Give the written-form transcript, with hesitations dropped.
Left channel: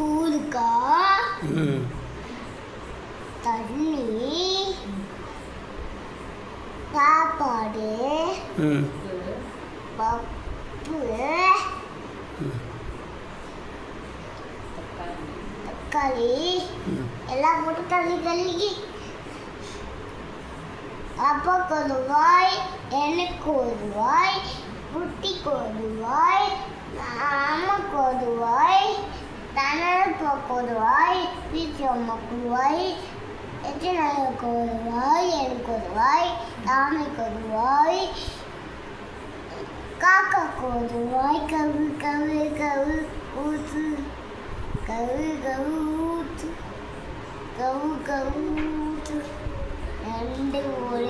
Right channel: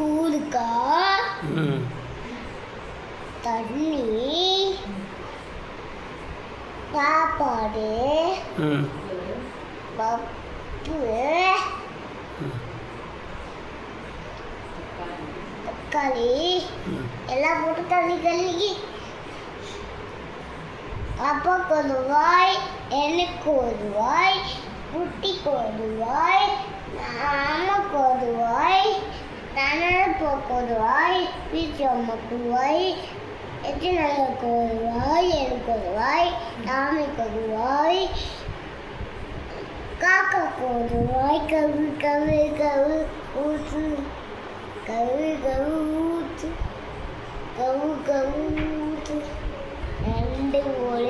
ஊருக்கா தண்ணி சாப்பாடு பப்பு தக்காளி எல்லாம் போட்டு தண்ணி கழுகி அப்பாவுக்கு ஒரு ரூபாய், எனக்கு ஒரு ரூபாய், குட்டிக்கு ஒரு ரூபாய், அம்மாவுக்கு ஒரு ரூபாய், தனப்பாவுக்கு ஒரு ரூபாய், வீட்டு அம்மாவுக்கு ரூபாய், எத்தனாளுக்கு ஒரு ரூபாய், எனக்கு ஒரு ரூபாய், சாமிக்கு ஒரு ரூபாய், காக்காக்கு ஒரு ரூபாய், கவு கவு கவு ஊத்து கவு கவு ஊத்து கவு கவு ஊத்து ரெண்டு ஒரு